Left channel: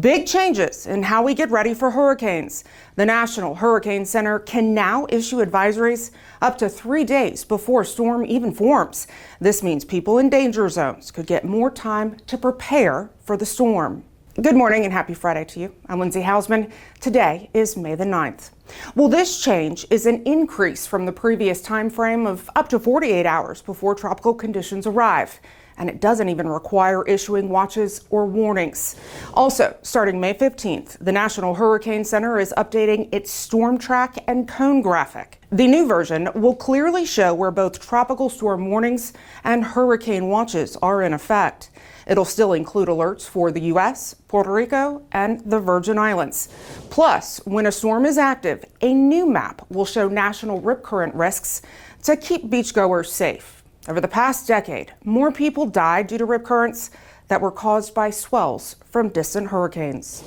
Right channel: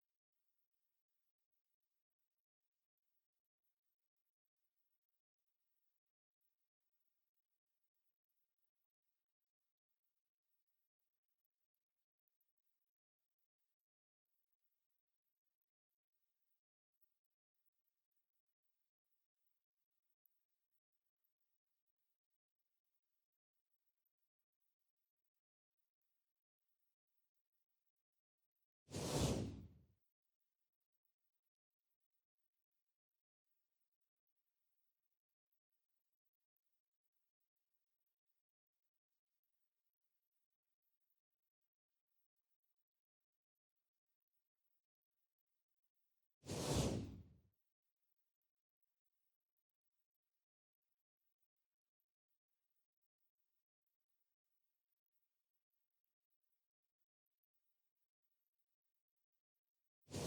Big changes in how we get ready for hurricanes. The National Hurricane Center can now issue advisories up to 3 days before a storm even forms. This means people in danger zones could get more time to prepare for the storm. Good morning and happy Friday to you. I'm Lindsay Hausman. Today is May the 9th. Well, this change is an increase from the previous time frame of up to 48 hours before tropical conditions arrive. And it doesn't even require issuing watches or warnings. Also, starting May 15th, the National Hurricane Center is updating its storm track and cone graphic. The new version will clearly show where both tropical storm warnings and hurricane watches are in effect. It'll still include alerts for the U.S., Puerto Rico, and the Virgin Islands. Plus, when a storm is active, a new map will show national rip current risks to keep beachgoers safe. Over the past decade, more people died due to rip currents that were caused by swells from distant hurricanes.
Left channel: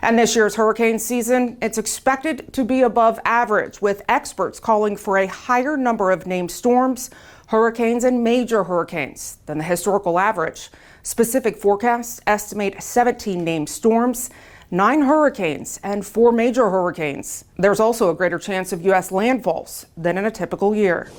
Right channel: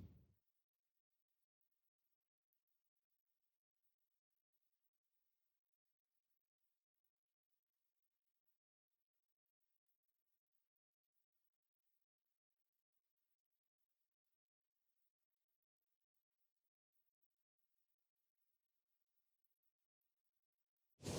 And this year's hurricane season, it's expected to be above average, with experts calling for a higher number of named storms, hurricanes, and major hurricanes than the historical average. Specific forecasts estimate 17 named storms, 9 hurricanes, and 4 major hurricanes. There's also a greater chance of U.S. landfalls than in a typical year.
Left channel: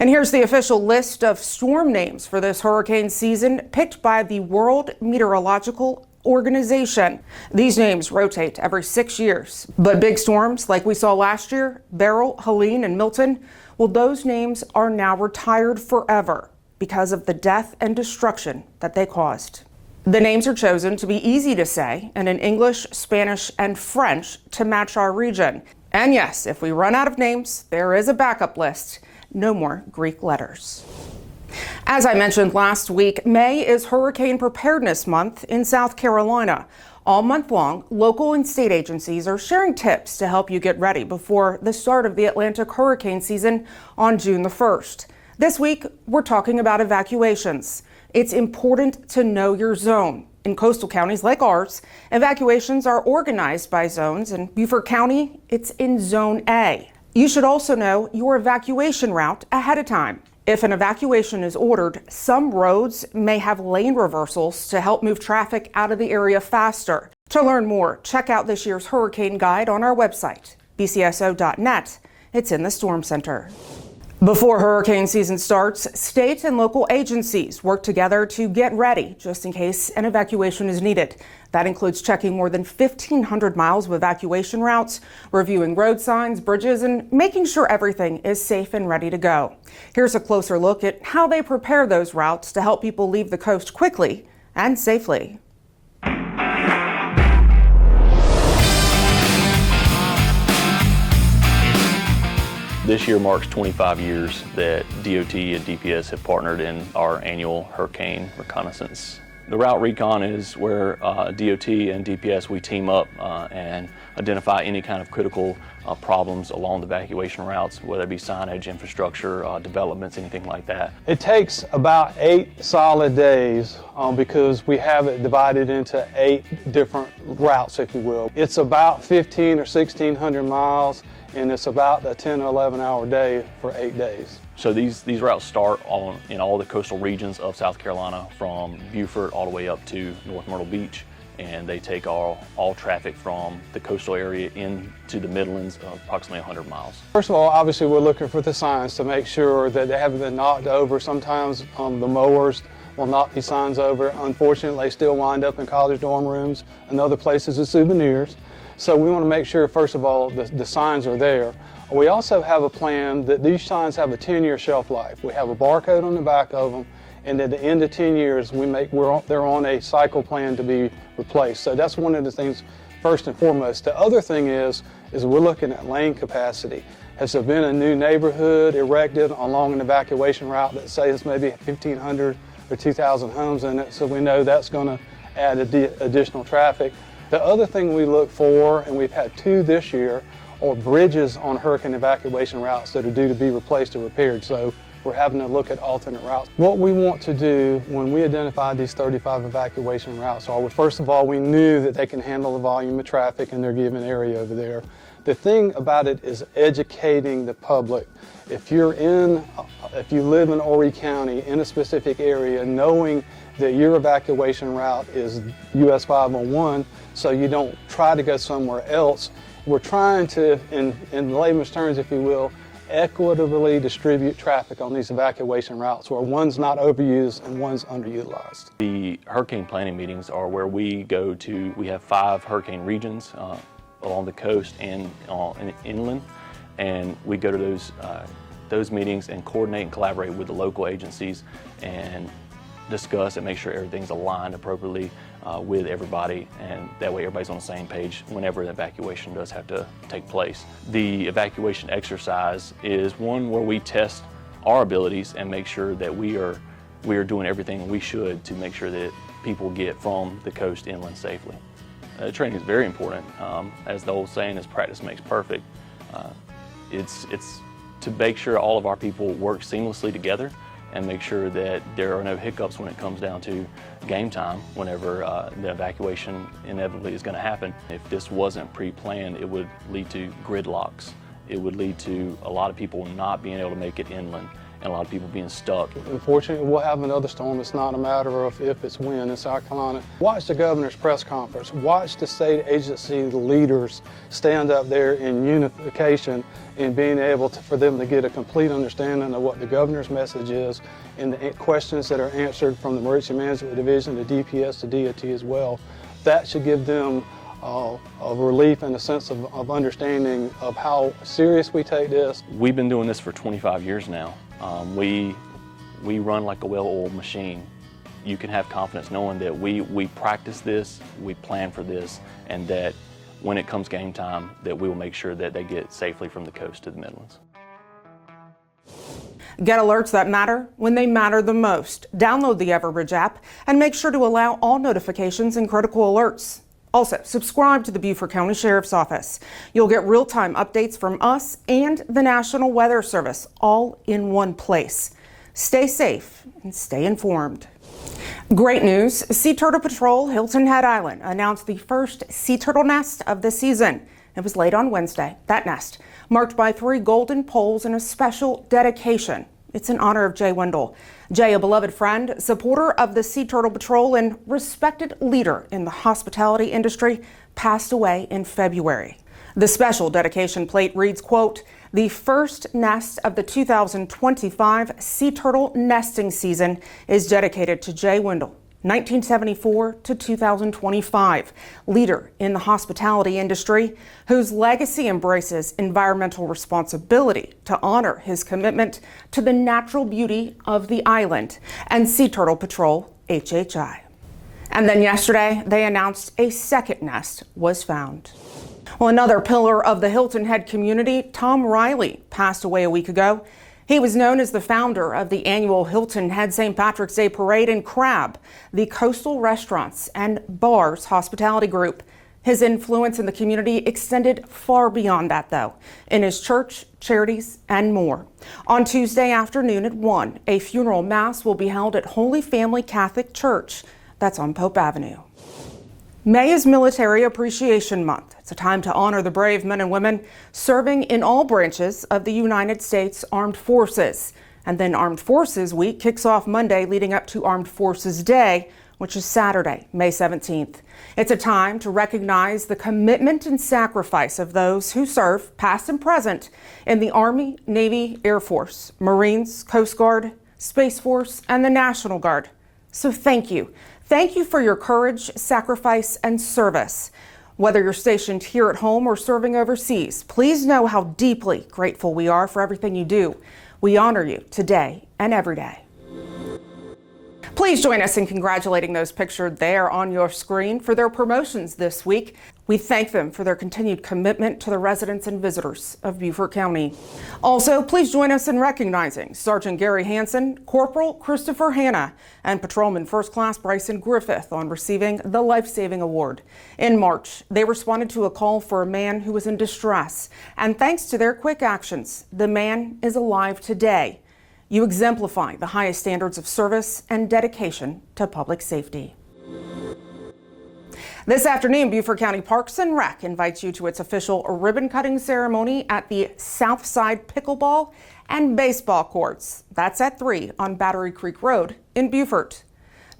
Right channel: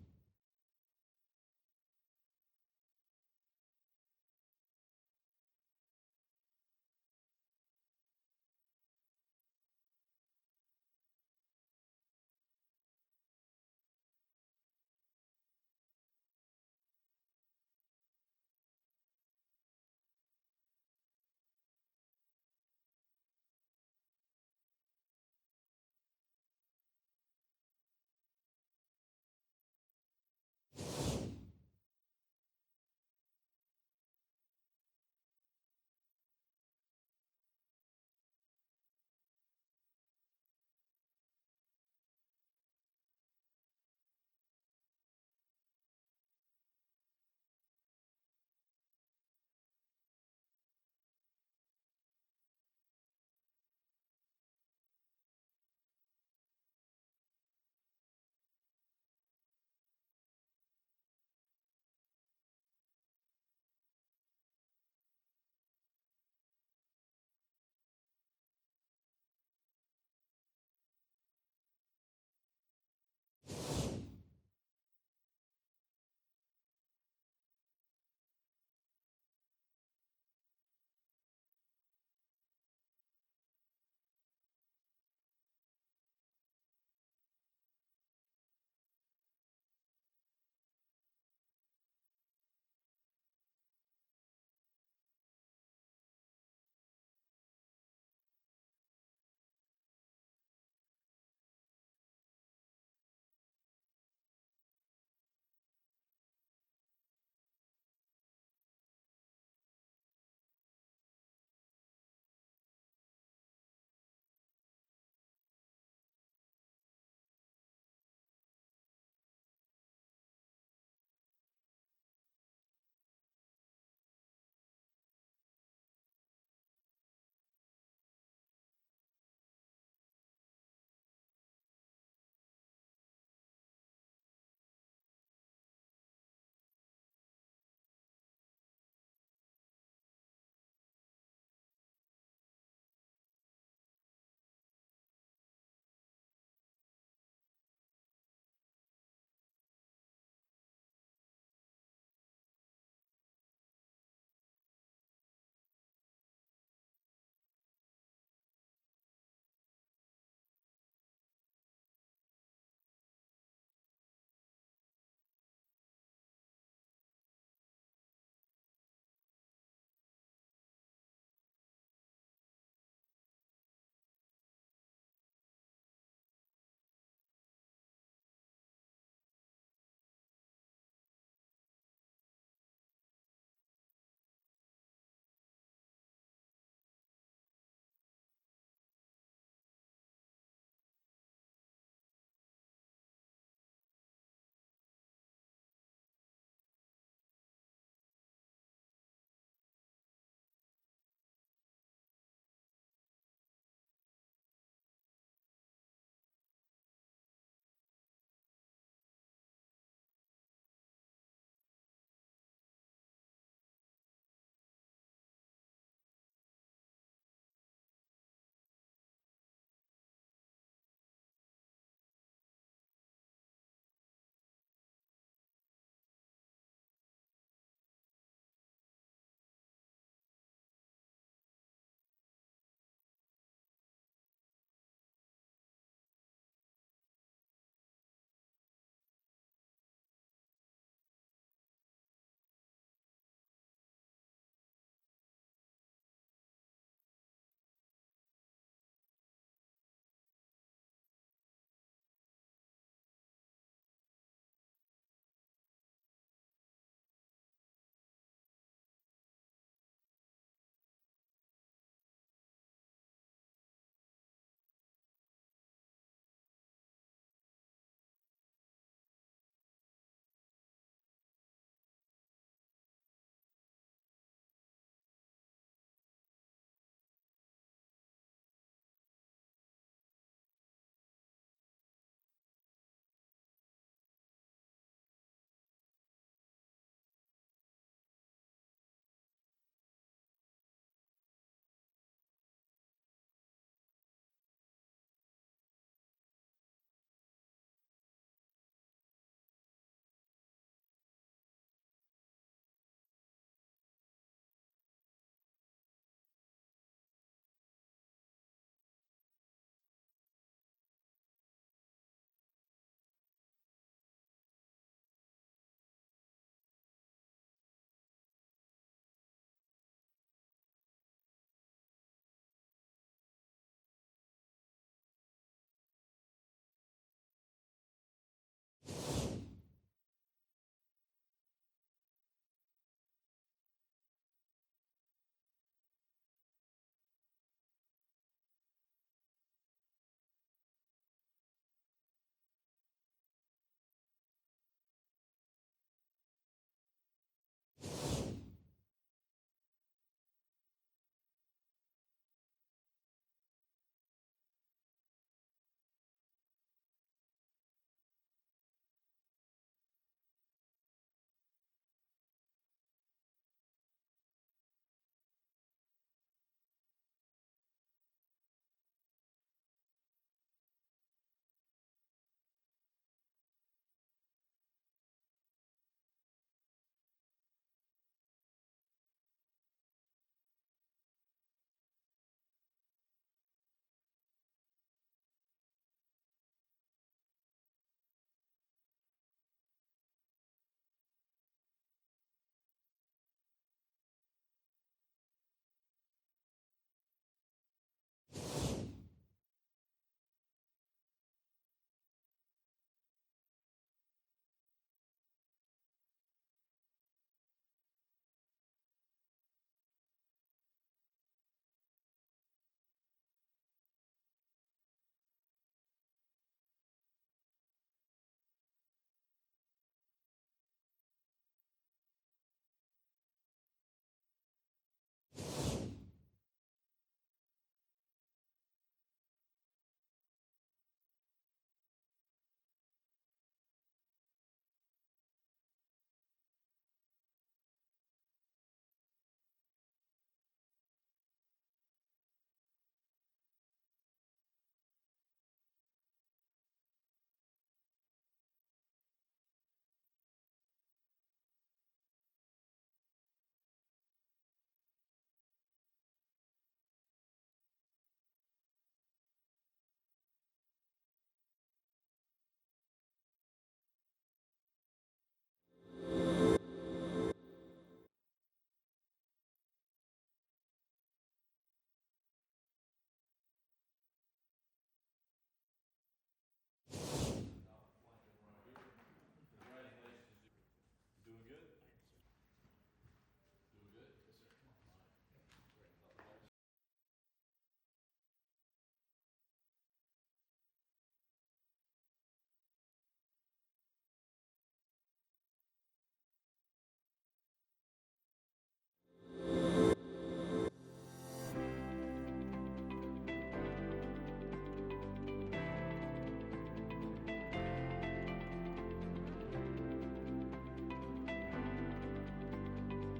And here's the official list of storm names for this hurricane season, picked by the World Meteorological Organization. These names rotate every 6 years. But big storms like we saw last year, Beryl, Helene, and Milton, well, those names are now retired forever because of the death and destruction that they caused. The names are chosen to be easy to say and in English, Spanish, and French to match our region. And yes, if we run out of names, there is a backup list. No more Greek letters. As I mentioned last week, May is Hurricane Preparedness Month in South Carolina. All month long, local and state agencies are sharing tips to help you get ready before the start of the Atlantic hurricane season on June the 1st. This week, we're talking about evacuations. It's important to know your zone. In coastal counties like ours, evacuations are organized by zones. In Beaufort County, it's in Zone A. You should also know your evacuation route ahead of time. If an evacuation is ordered, some roads may have lane reversals to help move traffic out of the area faster. To learn more, check out this year's hurricane guide on our website, bcso.net. It's in the Storm Center. Before hurricane season starts, state and local agencies work together to get ready just in case an evacuation is needed. That includes checking more than 1,500 miles of evacuation routes, reviewing road signs, bridges, and making sure everything is safe and ready to go. Here's a closer look at how they prepare those routes to help people leave the coast quickly and safely. This year marks 25 years that DOT and DPS have partnered in our annual hurricane reconnaissance. The route recon is where DOT and DPS, we team up and identify any kind of critical problems along the evacuation routes, whether it be signage, infrastructure, developments, anything like that. It takes about 8 solid days because we have it divided into 8 different routes, if you will. It's about 1,500 or 1,600 miles. And it's about a 10 or 11 hour day for 8 days. So these routes start in all the coastal regions of South Carolina, from Beaufort all the way up to North Myrtle Beach, and they take all traffic from the coastal area into the Midlands of approximately 100 miles. First of all, obviously we're looking for the signs to make sure that they haven't been knocked over. Sometimes the mowers will knock these signs over. Unfortunately, they still wind up in college dorm rooms and other places as souvenirs. So we want to make sure, first of all, the signs are there. We also have a plan that these signs have a 10-year shelf life. We have a barcode on the back of them, and at the end of 10 years, they're on a cycle plan to be replaced. So that's one of the things, first and foremost. The other thing is we're looking at lane capacity. Has there been a new neighborhood erected along an evacuation route that says maybe 1,500 or 2,000 homes in it? So we know that's going to add additional traffic. The other thing we look for, and we've had 2 this year, are bridges on hurricane evacuation routes that are due to be replaced or repaired. So we're having to look at alternate routes. What we want to do when we identified these 35 evacuation routes are, first of all, we knew that they can handle the volume of traffic in their given area over there. The thing about it is educating the public. If you live in Horry County in a specific area, knowing that your evacuation route is US 501, so you don't try to go somewhere else. We're trying to, in layman's terms, if you will, equitably distribute traffic on these evacuation routes where one's not overused and one's underutilized. The hurricane planning meetings are where we go to, we have 5 hurricane regions along the coast and inland, and we go to those meetings and coordinate and collaborate with the local agencies and discuss and make sure everything's aligned appropriately with everybody, and that way everybody's on the same page whenever the evacuation does have to take place. The evacuation exercise is one where we test our abilities and make sure that we are doing everything we should to make sure that people get from the coast inland safely. Training is very important. As the old saying is, practice makes perfect. It's to make sure all of our people work seamlessly together and make sure that there are no hiccups when it comes down to game time, whenever the evacuation inevitably is going to happen. If this wasn't pre-planned, it would lead to gridlocks. It would lead to a lot of people not being able to make it inland and a lot of people being stuck. Unfortunately, we'll have another storm. It's not a matter of if, it's when in South Carolina. Watch the governor's press conference. Watch the state agency leaders stand up there in unification and being able for them to get a complete understanding of what the governor's message is and the questions that are answered from the Emergency Management Division, the DPS, the DOT as well. That should give them a relief and a sense of understanding of how serious we take this. We've been doing this for 25 years now. We run like a well-oiled machine. You can have confidence knowing that we practice this, we plan for this, and that when it comes game time, that we will make sure that they get safely from the coast to the Midlands. Get alerts that matter when they matter the most. Download the Everbridge app and make sure to allow all notifications and critical alerts. Also, subscribe to the Beaufort County Sheriff's Office. You'll get real-time updates from us and the National Weather Service all in one place. Stay safe and stay informed. Great news, Sea Turtle Patrol Hilton Head Island announced the first sea turtle nest of the season. It was laid on Wednesday. That nest, marked by 3 golden poles and a special dedication. It's in honor of Jay Wiendl. Jay, a beloved friend, supporter of the Sea Turtle Patrol, and respected leader in the hospitality industry, passed away in February. The special dedication plate reads, quote, "The first nest of the 2025 sea turtle nesting season is dedicated to Jay Wiendl, 1974 to 2025, leader in the hospitality industry, whose legacy embraces environmental responsibility to honor his commitment to the natural beauty of the island, and Sea Turtle Patrol HHI." And then yesterday, they announced a second nest was found. Well, another pillar of the Hilton Head community, Tom Reilly, passed away a week ago. He was known as the founder of the annual Hilton Head St. Patrick's Day Parade and Crab, the coastal restaurants and bars hospitality group. His influence in the community extended far beyond that, though, in his church, charities, and more. On Tuesday afternoon at 1, a funeral mass will be held at Holy Family Catholic Church. That's on Pope Avenue. May is Military Appreciation Month. It's a time to honor the brave men and women serving in all branches of the United States Armed Forces. And then Armed Forces Week kicks off Monday, leading up to Armed Forces Day, which is Saturday, May 17th. It's a time to recognize the commitment and sacrifice of those who serve, past and present, in the Army, Navy, Air Force, Marines, Coast Guard, Space Force, and the National Guard. So thank you. Thank you for your courage, sacrifice, and service. Whether you're stationed here at home or serving overseas, please know how deeply grateful we are for everything you do. We honor you today and every day. Please join us in congratulating those pictured there on your screen for their promotions this week. We thank them for their continued commitment to the residents and visitors of Beaufort County. Also, please join us in recognizing Sergeant Gary Hansen, Corporal Christopher Hanna, and Patrolman First Class Bryson Griffith on receiving the Life Saving Award. In March, they responded to a call for a man who was in distress, and thanks to their quick actions, the man is alive today. You exemplify the highest standards of service and dedication to public safety. This afternoon, Beaufort County Parks and Rec invites you to its official ribbon-cutting ceremony at the Southside Pickleball and Baseball Courts. That's at 3 on Battery Creek Road in Beaufort.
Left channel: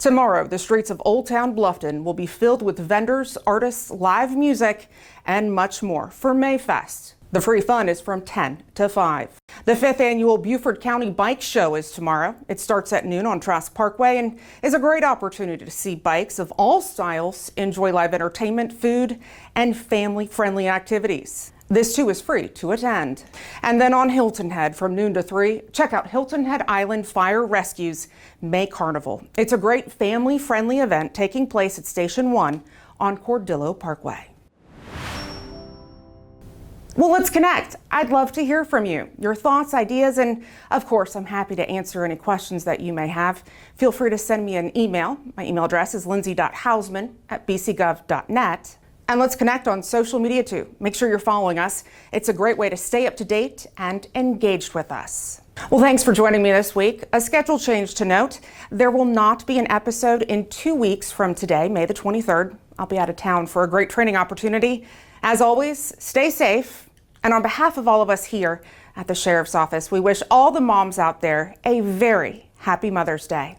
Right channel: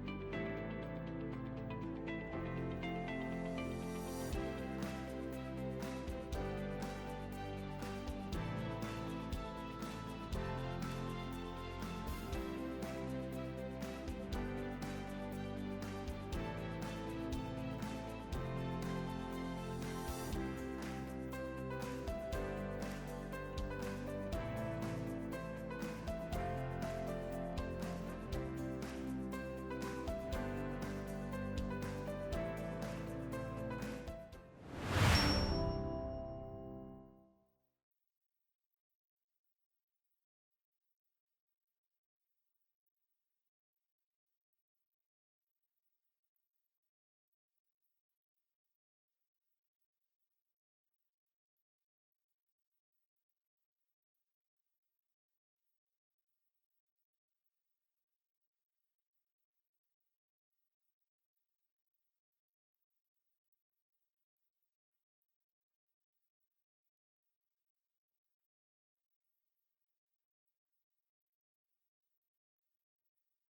Tomorrow, the streets of Old Town Bluffton will be filled with vendors, artists, live music, and much more for Mayfest. The free fun is from 10 to 5. The 5th annual Beaufort County Bike Show is tomorrow. It starts at noon on Trask Parkway and is a great opportunity to see bikes of all styles, enjoy live entertainment, food, and family-friendly activities. This too is free to attend. And then on Hilton Head from noon to 3, check out Hilton Head Island Fire Rescue's May Carnival. It's a great family-friendly event taking place at Station 1 on Cordillo Parkway. Well, let's connect. I'd love to hear from you, your thoughts, ideas, and of course, I'm happy to answer any questions that you may have. Feel free to send me an email. My email address is lindsay.hausman@bcgov.net. And let's connect on social media too. Make sure you're following us. It's a great way to stay up to date and engaged with us. Well, thanks for joining me this week. A schedule change to note. There will not be an episode in 2 weeks from today, May the 23rd. I'll be out of town for a great training opportunity. As always, stay safe. And on behalf of all of us here at the Sheriff's Office, we wish all the moms out there a very happy Mother's Day.